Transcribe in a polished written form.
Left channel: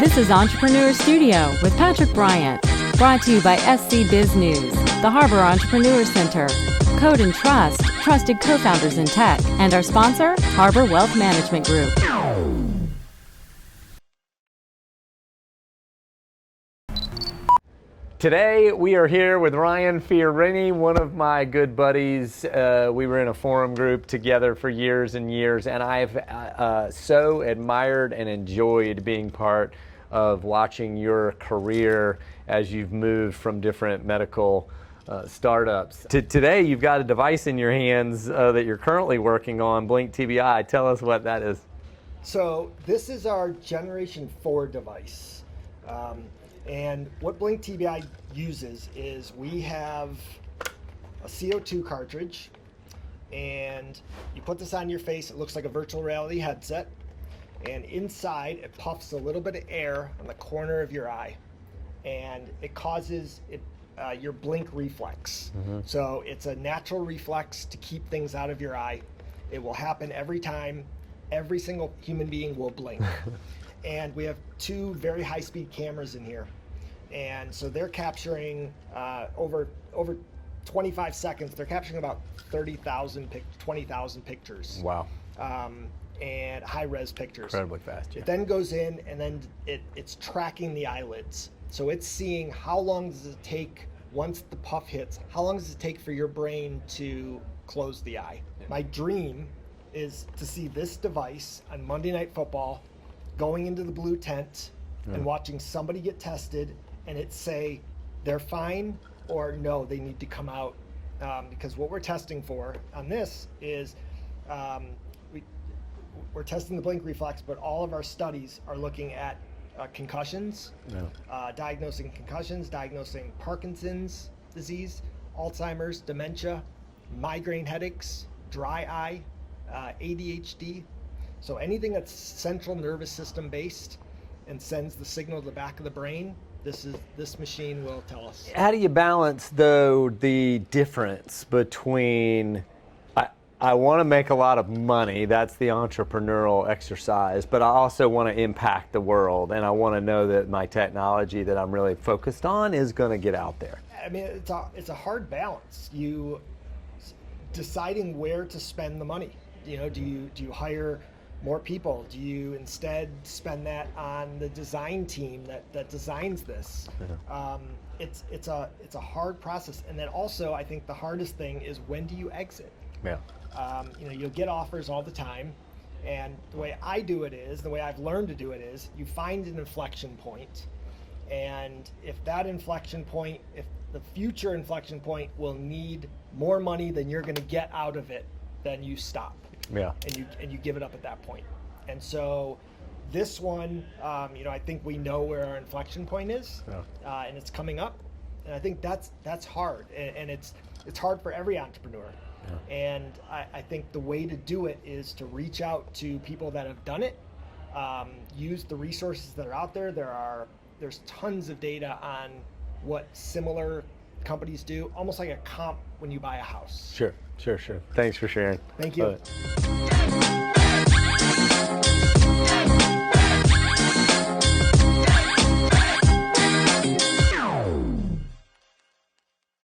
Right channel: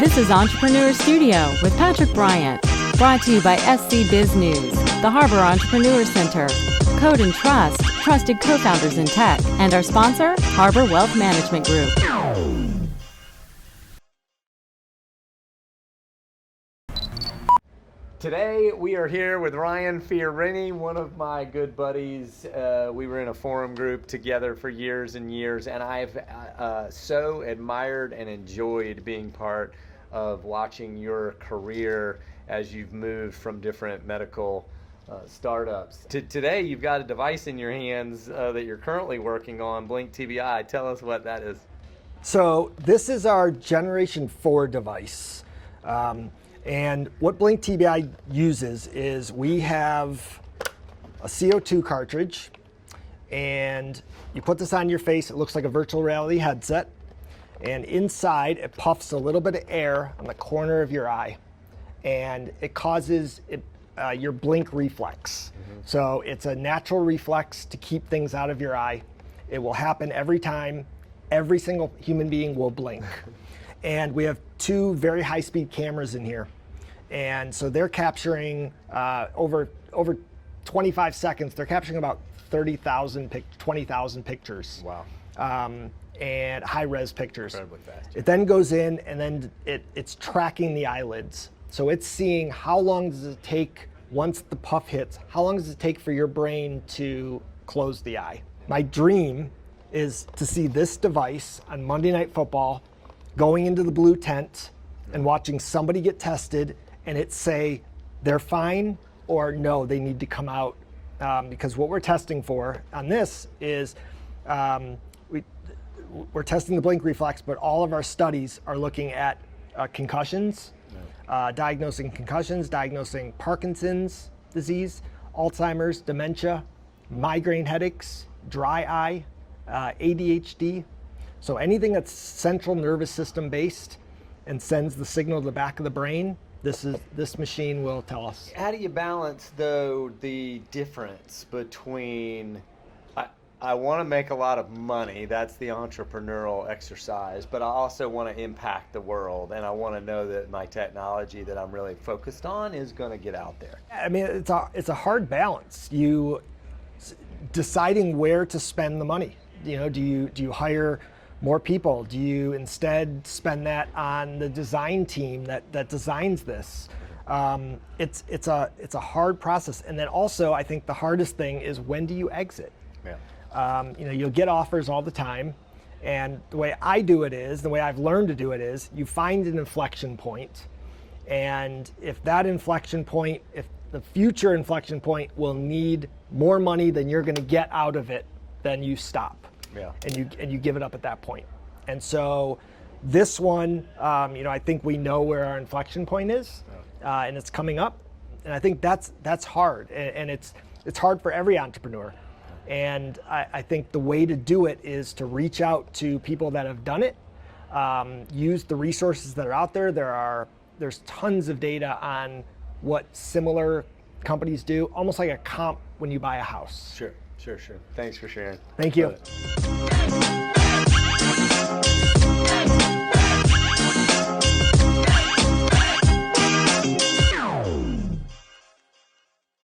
This is Entrepreneur Studio with Patrick Bryant, brought to you by SC Biz News, the Harbor Entrepreneur Center, Code and Trust, trusted co-founders in tech, and our sponsor, Harbor Wealth Management Group. Today we are here with Ryan Fiorini, one of my good buddies. We were in a forum group together for years and years, and I've so admired and enjoyed being part of watching your career as you've moved from different medical startups. Today you've got a device in your hands that you're currently working on, BlinkTBI. Tell us what that is. So this is our Generation 4 device. And what BlinkTBI uses is we have a CO2 cartridge, and you put this on your face. It looks like a virtual reality headset. And inside, it puffs a little bit of air on the corner of your eye, and it causes your blink reflex. So it's a natural reflex to keep things out of your eye. It will happen every time. Every single human being will blink. And we have two very high-speed cameras in here. And so they're capturing over 25 seconds, they're capturing about 20,000 pictures. Wow. And high-res pictures. Incredibly fast. Yeah. It then goes in, and then it's tracking the eyelids. So it's seeing how long does it take, once the puff hits, how long does it take for your brain to close the eye? My dream is to see this device on Monday Night Football going into the blue tent and watching somebody get tested and it say they're fine or no, they need to come out. Because what we're testing for on this is we're testing the blink reflex, but all of our studies are looking at concussions, diagnosing concussions, diagnosing Parkinson's disease, Alzheimer's, dementia, migraine headaches, dry eye, ADHD. So anything that's central nervous system based and sends the signal to the back of the brain, this machine will tell us. How do you balance, though, the difference between I want to make a lot of money, that's the entrepreneurial exercise, but I also want to impact the world, and I want to know that my technology that I'm really focused on is going to get out there? I mean, it's a hard balance. You deciding where to spend the money. You know, do you hire more people? Do you instead spend that on the design team that designs this? It's a hard process, and then also I think the hardest thing is, when do you exit? Yeah. You'll get offers all the time, and the way I do it is, the way I've learned to do it is, you find an inflection point, and if that inflection point, if the future inflection point will need more money than you're going to get out of it, then you stop. Yeah. And you give it up at that point. And so this one, I think we know where our inflection point is, and it's coming up, and I think that's hard, and it's hard for every entrepreneur. And I think the way to do it is to reach out to people that have done it, use the resources that are out there. There's tons of data on what similar companies do, almost like a comp when you buy a house. Sure. Thanks for sharing. Thank you.